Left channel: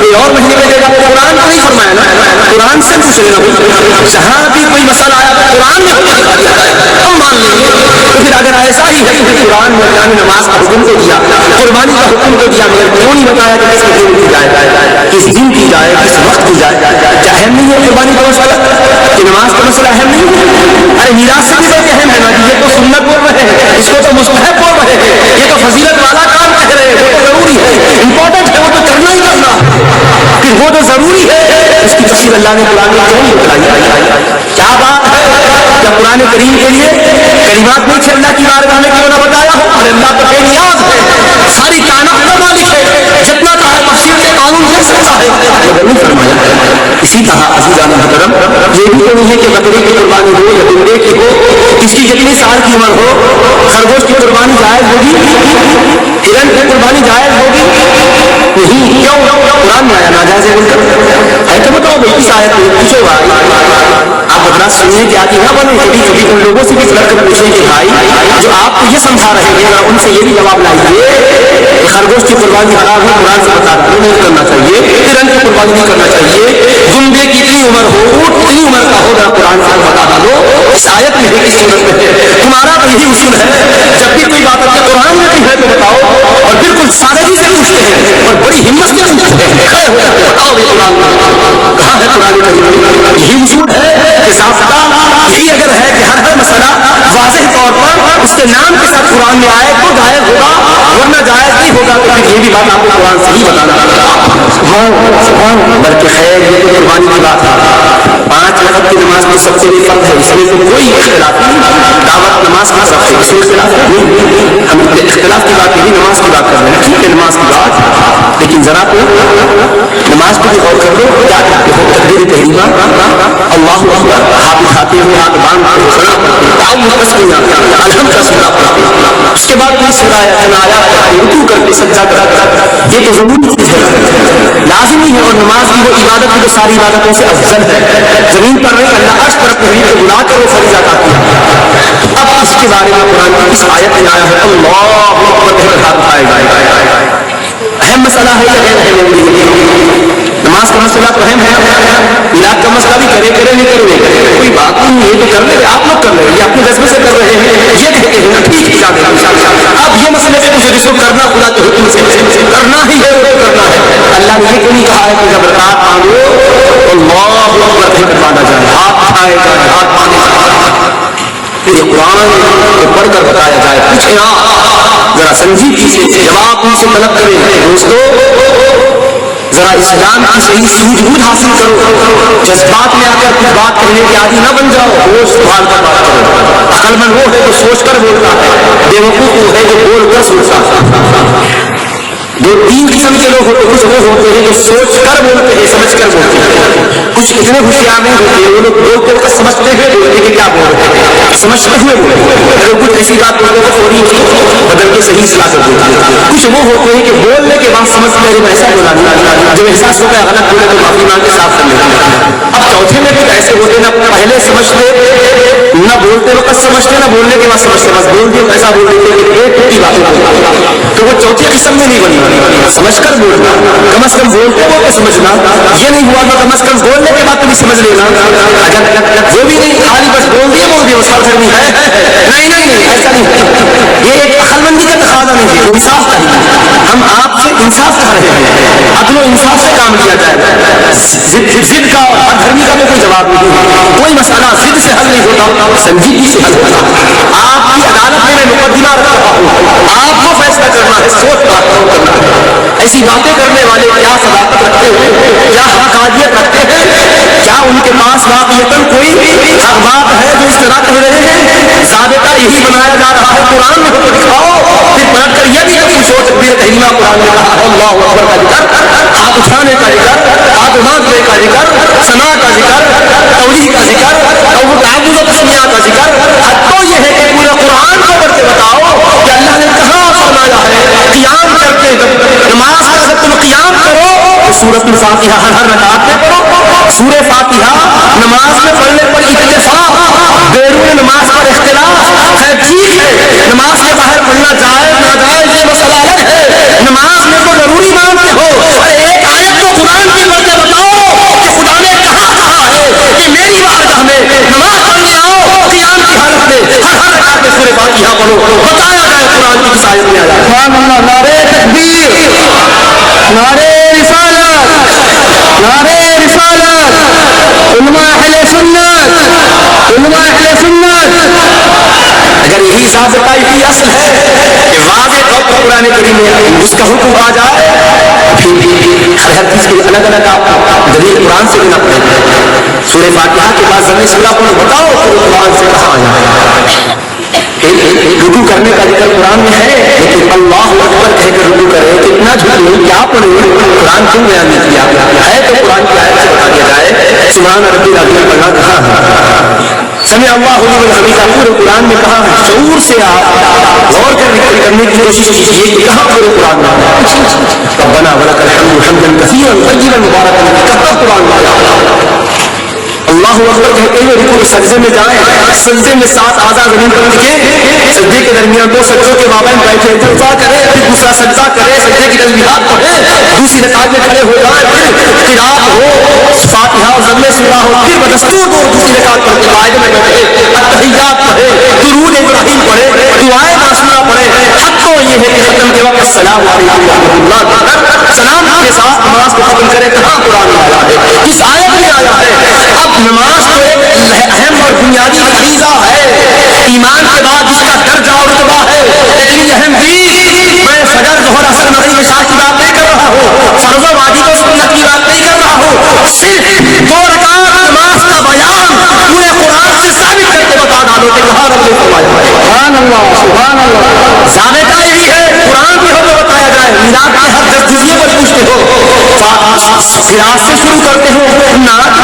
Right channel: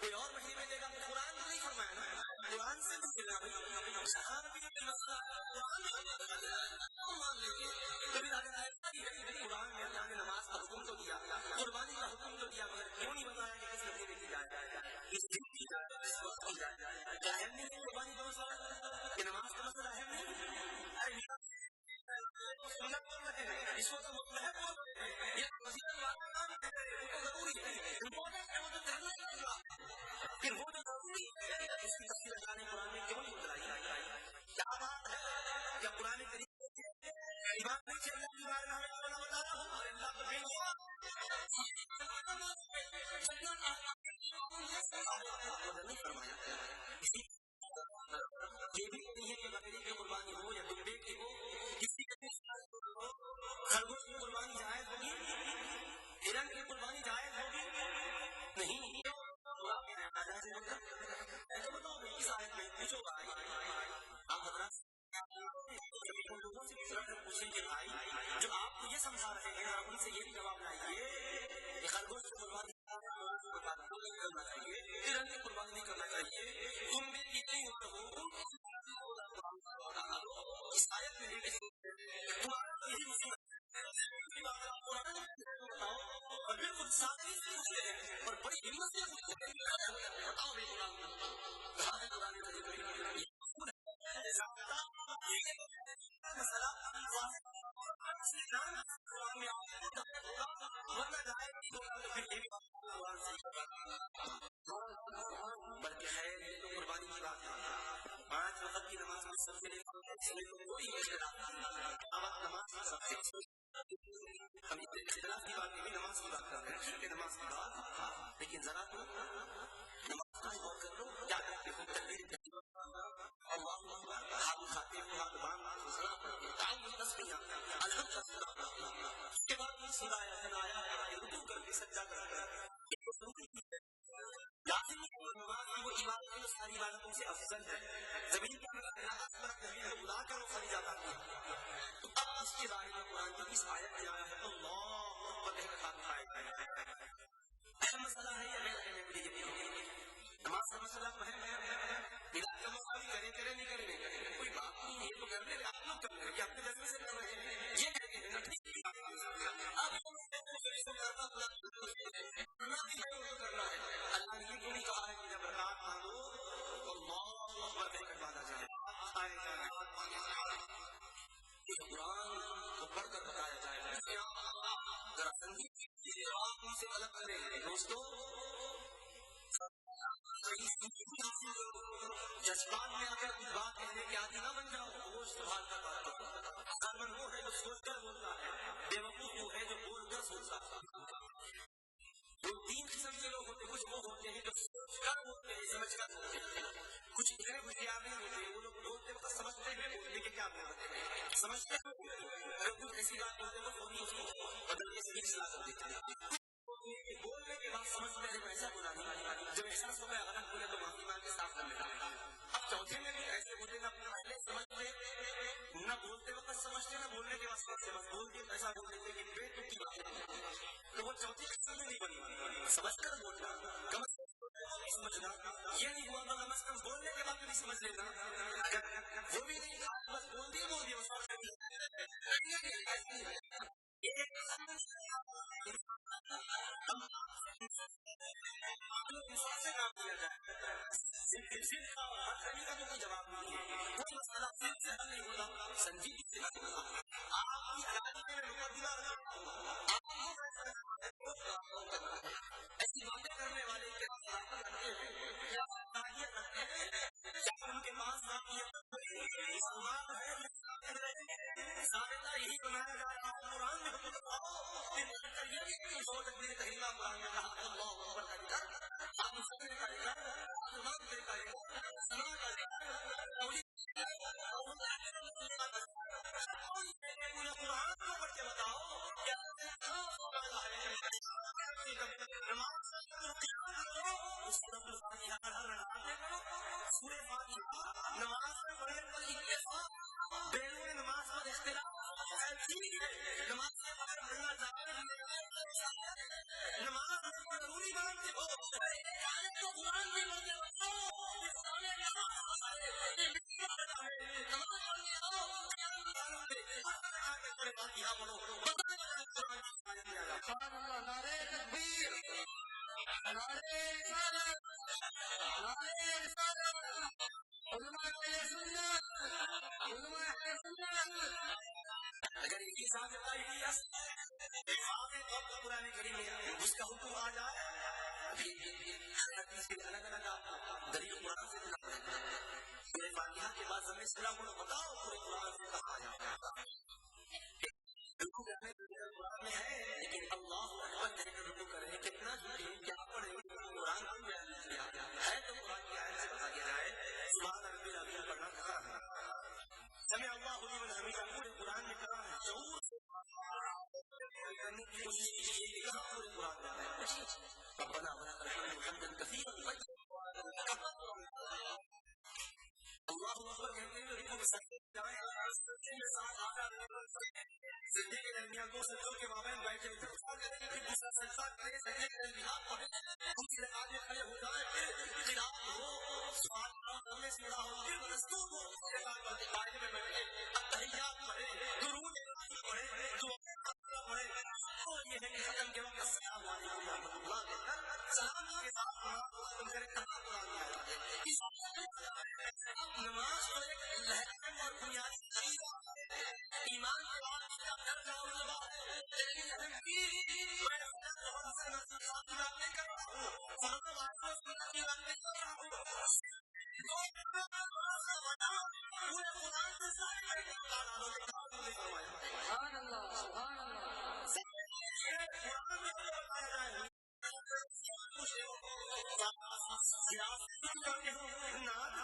کوئی اور مہینے میں دے گا. قرآن تو نہیں فرمایا نا, قرآن سے پوچھ لینا. جہاں بھی کوئی مسئلہ آیا تو قرآن میں حکم دکھا دیا جائے ہم مان لیں گے. تو پھر اگر ایسا ہی ہے کہ قرآن میں اللہ نے نماز کا حکم کو دیا, قربانی کا حکم کو دیا, مگر کیوں نہیں بتایا کہ کس دن کی جائے, کس دن کی جائے, کس وقت کی جائے؟ کیا اہم نہیں ہے قربانی کا مسئلہ کہ نماز کا مسئلہ اہم نہیں ہے؟ ارے میراث سے بھی بہت اہم ہے نا. یہ تو سنت بول رہے ہیں, اس کو تو مستحب بول رہے ہیں, یہ تو فضیلت والا کام کہہ رہے ہیں, وہ تو ضروری ہے, امپورٹنٹ ہے, وہ تو کرنا ہی کرنا. پھر وہ تو ضروری ہے, اس کی تفصیل اللہ نے قرآن میں کیوں نہیں بتلائی؟ کیا بات ہے؟ کیا قرآن کریم کے لیے کلمات نہیں تھے اللہ کی بارگاہ میں کیوں نہ بتایا ہو؟ اور اللہ تو بے نیاز ہے, ساری کائنات کا مالک ہے, جتنا چاہے تفصیل کے قانون دے سکتا ہے, مگر نہیں فرمایا. اسی طرح عزیزان محترم یہ بھی نہیں ہے کہ بکری کی قربانی ہو یا بندے کی ہو, اس کی جتنی سال کی عمر ہو, خرگوش کی قربانی جائز ہوگی, ہرن کی قربانی جائز ہوگی نہیں. کیوں؟ قرآن میں آیا ناجائز ہے بول کر ہے تو بتاؤ بھائی اس آیت میں پوچھو بھائی, آپ بتنا سننے کے آتی نہ بنے, کبھی کبھی ان لوگوں سے بھی لڑ کر پوچھیں کہ بھائی جو آپ کو یہ سمجھا رہے ہیں نا, ان سے یہ بھی جواب لائیے کہ خرگوش کی قربانی حرام ہے, قرآن سے بتا رہا ہوں نہیں کرنا چاہیے, ہرن کی قربانی نہیں کرنا چاہیے, دمبے کی اتنی عمر ہو, اونٹ اتنی عمر کا ہو, نا قرآن سے بتا ڈالو اس آیت میں ہے, اس صورت میں ہے. تمہارا تو یہی اصول ہے, جب بھی کوئی بات آتی ہے قرآن میں نہیں ہے تو بتاؤ, اور بالکل سادگی سے پوچھتے ہیں اور بڑی ہمت سے پوچھتے ہیں, کھڑے ہو جاتے ہیں, بتاؤ یہ قرآن کہاں ہے؟ قرآن میں یہی اصول ہے کہ ضابطہ یہی اگر ہے کہ ہر مسئلہ واضح طور پر اس کے نام کے ساتھ قرآن میں آئے تو جائز ہوگا, ورنہ جائز نہیں ہوگا. تو پھر یہ بھی بات آپ کو قرآن سے ہی بتانا پڑے گا. بلکہ خیر یہ تو قربانی کی بات ہے, 5 وقت کی نماز میں سب سے بڑی فرض ہے, اس میں تو کوئی اختلاف نہیں. دعوت نماز کا سب سے اس میں اختلاف نہیں, ہم اختلاف کی بات نہیں, نماز کی بات کر رہے ہیں. ٹھیک ہے نماز کی بات, لیکن ذرا تو نماز کو بھی غور کر لو. کیا کرتے ہو؟ تکبیر تحریمہ, اللہ اکبر, ہاتھ اٹھاتے ہوئے ہاتھ باندھ کے سنا پڑتے, تعاون تسمیہ, الحمد کا سنا پڑتے, اس کے بعد کوئی سرایا تنایا رکوع کر کے سجدہ کرا, یہ تو ضروری چیز ہے, لازمی ہے. اور نماز کی وہ عبادت ہے جو ساری عبادتوں سے افضل ہے. زمین پر نہیں, اللہ عرش پر اپنے حبیب کو بلا کر وہ فریضہ ادا کیا. اب اس کے بارے میں قرآن کی اس آیت میں آیا ہے اللہ اکبر کہہ کر ہاتھ اٹھائے گا. اہم مسئلہ ہے یا غیر اہم؟ نماز کا مسئلہ تو اہم ہے, میلاد کا مسئلہ بھی کرے کرے نہیں کرے کوئی بات نہیں, یہ تو کر لے رہے, آپ لوگ کر رہے ہیں, یہ اپنے جذبے سے کر رہے ہیں, یہ کہتے ہیں ٹھیک ہے. اب یہ مسئلے سے پوچھو جس کو کرنا خدا کے حکم سے کرنا ہی ہے, وہ کرنا ہے. اللہ نے یہ کیوں نہیں کہا ہے کہ جب رکعت مانگو اللہ اکبر کہہ کر باندھا جائے, ہاتھ اٹھائے جائے, ہاتھ باندھے جائے, یہ قرآن کو پڑھ کر بتایا جائے. پوچھے ذرا سنجیدگی سے جواب ان سے طلب کریں. دوستو ذرا اسلام کی صحیح سوجھ بوجھ حاصل کرو, جذبات میں آ کر کچھ بات کرنے کے عادی نہ بن جاؤ, ہوش سنبھال کر بات کرو. عقل مند وہ ہے جو سوچ کر بولتا ہے, بیوقوف وہ ہے جو بول کر سوچتا ہے. 2-3 قسم کے لوگ ہوتے ہیں, کچھ وہ ہوتے ہیں جو سوچ کر بولتے ہیں, سمجھ کر بولتے ہیں. کچھ اتنے ہوشیار نہیں ہوتے ہیں, وہ لوگ بولتے وقت سمجھتے ہوئے بولتے کہ کیا بول رہے ہیں, سمجھتے ہوئے بولتے ہیں. اگر کچھ ایسی بات بولتے تو فوری بدل کے صحیح اصلاح کر دیتے ہیں. کچھ وہ ہوتے ہیں کہ بولنے کے بعد سمجھتے ہیں جب ایسا بولا نہیں, جب احساس ہوتا ہے غلط بولے تو معافی مانگ کے صاف کر لیتے ہیں. اب چوتھے میں کچھ ایسے ہوتے ہیں نہ پہلے سمجھتے, نہ بولتے وقت سمجھتے, نہ بولنے کے بعد سمجھتے, بس بول دیا ایسا بول دیتے کہ ایک ٹوٹی باتیں بولتے. تو وہ چوتھی قسم میں نہیں بنی. سمجھ کر بولنا, کم از کم بولتے ہو کہ سمجھنا, یہ نہیں ہوا تو کم از کم بولنے کے بعد تو بھی سمجھ لینا. اگر وہ بھی نہیں, خالی بس بول دیا اس کا فرق نہیں ہے. نہیں ایسا نہیں. یہ ایک عقل مندی کا تقاضا نہیں ہے, انصاف کا نہیں. ہم آپ سے انصاف کر رہے ہیں, عدل و انصاف سے کام لیا جائے. ضد کا اور دھرمی کا کوئی جواب نہیں. کوئی مسئلہ ضد سے حل نہیں ہوتا, سنجیدگی سے حل ہوتا. آپ کی عدالت میں مقدمہ رکھ رہا ہوں, آپ کو فیصلہ کرنا ہے, سوچ بات کرنا ہے. ایسی باتیں کرنے والے کیا صداقت رکھتے ہیں, کیا حقانیت رکھتے ہیں, کیا ان کے پاس واقعیتاً کوئی حق بات ہے جو اس طرح کہہ رہے ہیں؟ ضابطہ یہی بنایا جا رہا ہے, قرآن میں تو دکھاؤ. پھر پلٹ کر یہ بھی پوچھو تکبیر تحریمہ قرآن نے کہا اللہ اکبر کا ذکر, ہاتھ اٹھانے کا ذکر, ہاتھ باندھنے کا ذکر, ثنا کا ذکر, توجیہ کا ذکر, تعبد و تسمیہ کا ذکر. حد تو یہ ہے کہ پورے قرآن کو پڑھ کے بتاؤ کہ اللہ نے کہاں فرمایا ہے قیام کرتے, نماز کا جب تم قیام کرو تو سورۃ الفاتحہ ہر رکعت میں پڑھو. سورہ فاتحہ نماز میں پڑھنے پر اتفاق, بیرون نماز پر اختلاف. خیر ٹھیک ہے, نماز کے باہر پڑھنا جائز ناجائز یہ مسئلہ الگ ہے. نماز میں تو ضروری مانتے ہو, اور ایک آیت تو قرآن اس کا حکم آ جائے پھر ہر چیز کے الگ الگ آپ دلیل قرآن سے بنا پڑے گا. سورہ فاتحہ کے بعد ضمیر سورہ کو بتاؤ تو قرآن سے کہاں آیا. رکوع کرنے کا ذکر قرآن میں ہے لیکن اللہ اکبر کہہ کر رکوع کرے کتنا جھوٹ کیا پڑھے قرآن کیوں بیان نہیں کیا ہے تو قرآن کی آیت سے بتا دیا جائے سبحان ربی العظیم پڑھنا کہاں ہے. سمع اللہ لمن حمیدہ پورے قرآن میں کہاں ہے. شعور سے آپ غور کرنے کی کوشش کیجیے کہ کہاں پورے قرآن میں ربنا ولک الحمد حمدا کثیرا طیبا مبارکا کہاں قرآن میں اللہ اکبر کہتے ہوئے رکوع سجدے میں جائیں. سجدے میں 7 اعضاء زمین پر رکھیں. سجدے کے درمیان 2 سجدوں کے مابین بیٹھے دعا کرے پھر دوسرا سجدہ کرے سجدے کی تسبیحات پڑھے دوسری رکعت میں کھڑے ہو جائیں پھر قرات ہو فاتحہ اور ضمیر سورہ ہو پھر بدستور کو دوسری رکعت پڑھ کے قاعدے میں بیٹھے التحیات پڑھے درود ابراہیم پڑھے دعائیں معصومہ پڑھے. حق تو یہ ہے کہ ختم کے وقت السلام علیکم ورحمۃ اللہ سلام کے ساتھ نماز کو ختم کرے. کہاں قرآن میں آیا ہے کس آیت میں آیا ہے. اب نماز تو ایک اہم اور بنیادی فریضہ ہے ایمان کے بعد جس کا درجہ اور رتبہ ہے لیکن یہ اہم چیز میں فجر ظہر عصر مغرب عشاء کی بات نہیں کر رہا ہوں فرض و واجب و سنت کی بات نہیں کر رہا ہوں صرف 2 رکعت نماز کا بیان پورے قرآن سے ثابت کر کے بتا ڈالو کہ کہاں رب نے فرمایا سبحان اللہ سبحان اللہ. ضابطہ یہی ہے قرآن بھی ہمیں بتایا جائے میلاد کے ہر 10 جزیے پر پوچھتے ہو قرآن سے شروع کرتے ہو نعت